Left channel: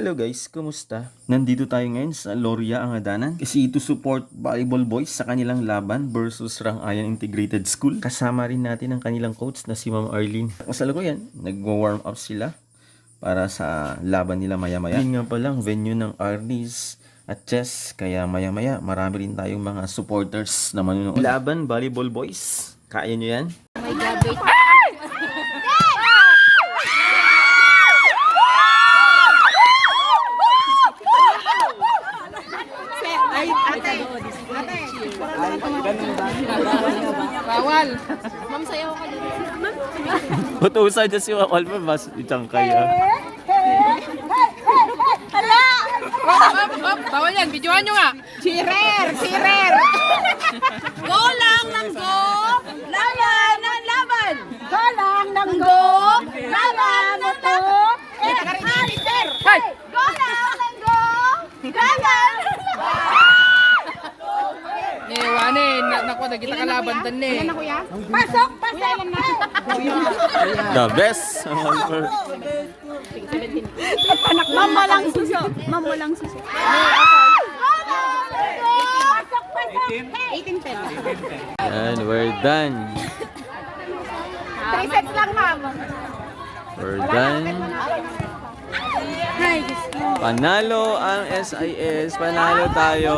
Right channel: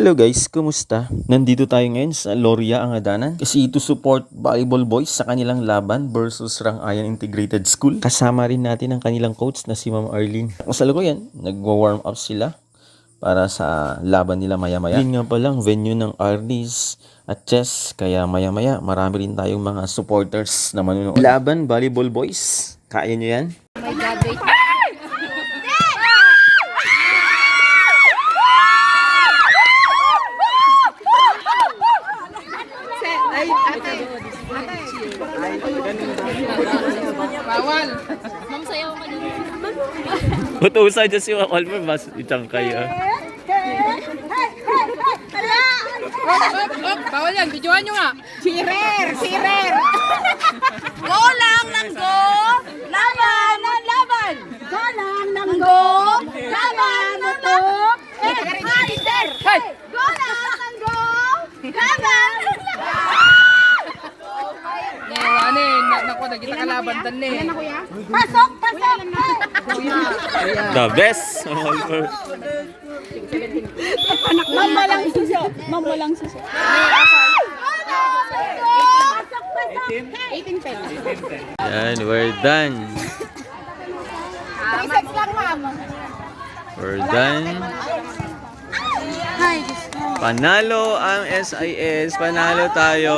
Hello guys, kumusta? Nandito tayo ngayon sa Loria Angadanan kasi to support Volleyball Boys sa kanilang laban versus Rangayan Integrated School. Kasama rin natin ang kanilang coach na si Ma'am Arlene. Kasalukuyan, nagwa-warm up sila para sa laban nila maya-maya. Yun nga palang venue ng Arnis at chess, kaya maya-maya marami rin tayong mga supporters na manunood. Laban Volleyball Boys, kaya nyo yan? Bawal. Ma'am, sayaw ka dyan. Utusan dyan si Ma'am Almer, mas itang kayo. Hala! Bawal yan. Videoan nyo nga. Sirer! Go lang ng go! Laban ng laban! Go lang ng go! Laban ng go! Sirer! Go lang ng go! Laban! Naku, nagkita kalaban dan eh. Pasok! The best! Ma'am Almer. Ma'am, walang suso. Pasok! 18 pesos. Yan, we're done. 3 sets lang, ma'am. We're done. Hi, Diyos ko. Panalo ang SIS. Panalo tayo.